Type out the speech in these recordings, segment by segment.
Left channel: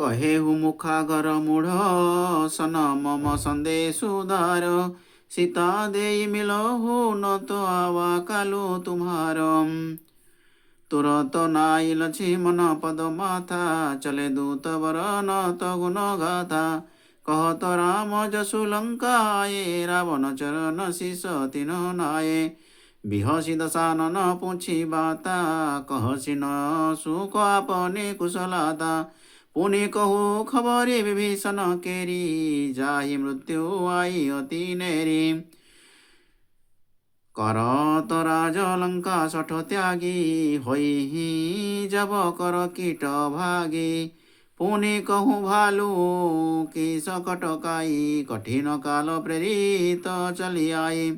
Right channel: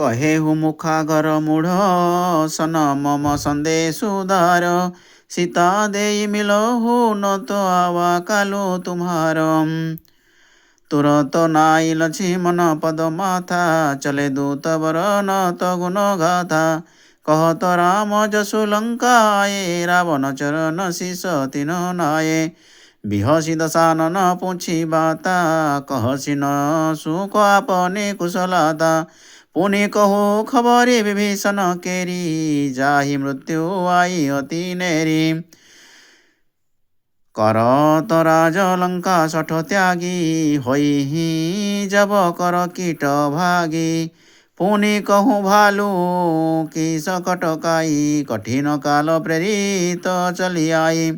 कहेहु मुखागर मूढ़ सन मम संदेशुदार। सीता देई मिलहु न तो आवा कालो तुम्हार। तुरत नाई लक्ष्मण पद माथा चले दूत बर न तो गुण गाथा। कहत राम जसु लंका आए रावण चरण शीस तिन नाये। बिहसी दशानन पूछी बाता कहसी न सुख आपने कुशलता। पुनि कहु खबरी विभीषण केरी जाहि मृत्यु आई अति नेरी। करत राज लंका सठ त्यागी होई जब कर कीट भागी। पुनि कहूँ भालू की सकट काई कठिन काल प्रेरित चली आई।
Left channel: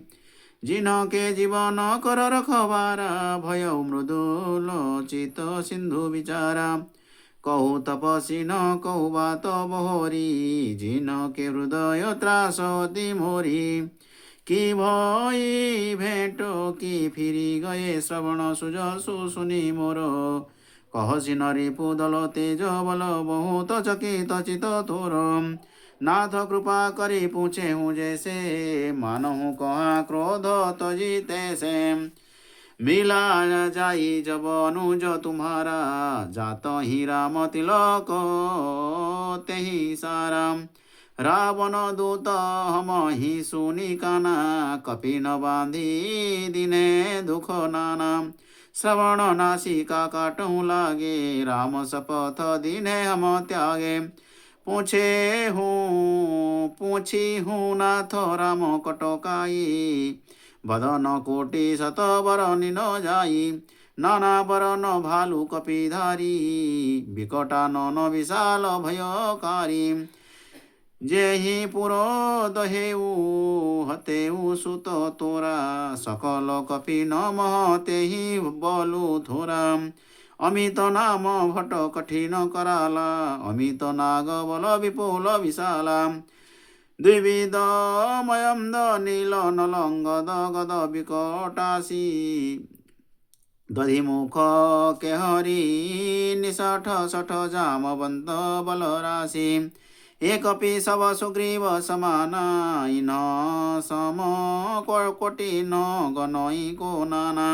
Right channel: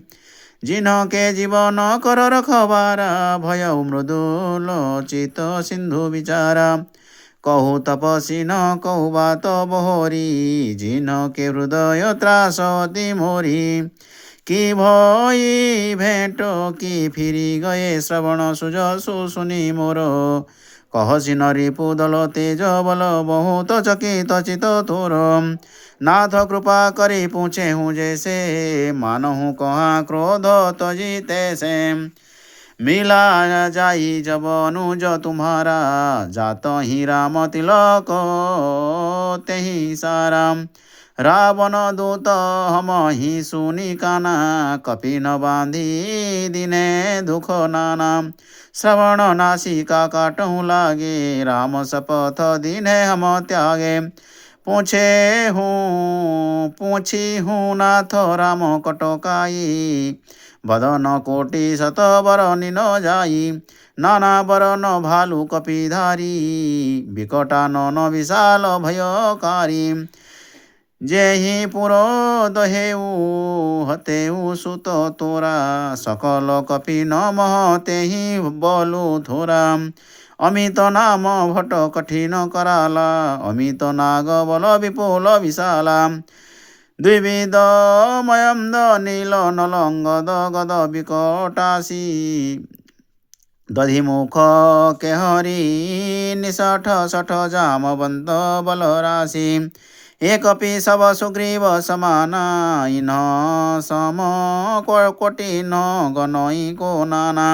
जिन्ह के जीवन कर रखबारा भय मृदुल चित सिंधु विचारा। कहु तपसी न कहु बात बहोरी जिन्ह के हृदय त्रास अति मोरी। कि भई भेंट कि फिरी गए श्रवण सुजसु सुनी मोर। कहसी नरी पुदल तेज बल बहुत चकित चित थोर। नाथ कृपा करी पूछे हूँ जैसे मानहु कहाँ क्रोध तजिते से। मिला जाई जब अनुज तुम्हारा जात ही राम तिलक तेहि सारा। रावण दूत हम ही सुनी काना कपि न बांधी दिने दुख नाना। श्रवण नासिका काटूं लागे राम शपथ दिने हम त्यागे। पूछी हूँ नाथ राम कटकाई बदन कोटि शत बर निन जाई। नाना बर न भालू कपिधारी विकटा न विशाल भयकारी। जेहि पुरो दहेऊ हतेऊ सुत तोरा सकल कपि न मह तेहि बलु थोरा। अमित नाम भट कठिन कराला अमित नाग बल विपुल विशाला। द्विविध मयंद नील नलंगद गद विकटासी। दधिमुख केहरी निषठ सठ जामवंत बल राशि। एक कपि सब सुग्रीव समाना इन्ह सम कोटि न गनई को नाना।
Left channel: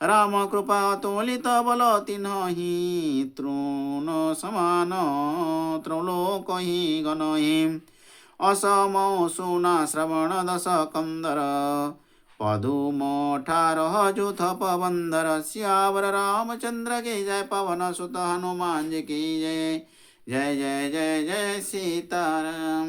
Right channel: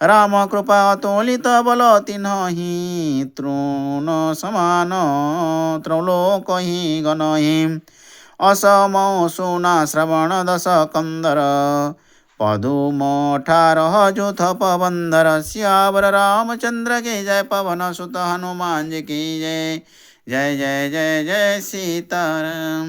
राम कृपा तोलित बल तिन्हि तृण समान त्रैलोक ही गनहि। असमौ सुना श्रवण दस कंदर पदुम 18 जुथ पवंदर। सियावर रामचंद्र के जय पवन सुत हनुमान जी की जय। जय जय जय जय सीताराम।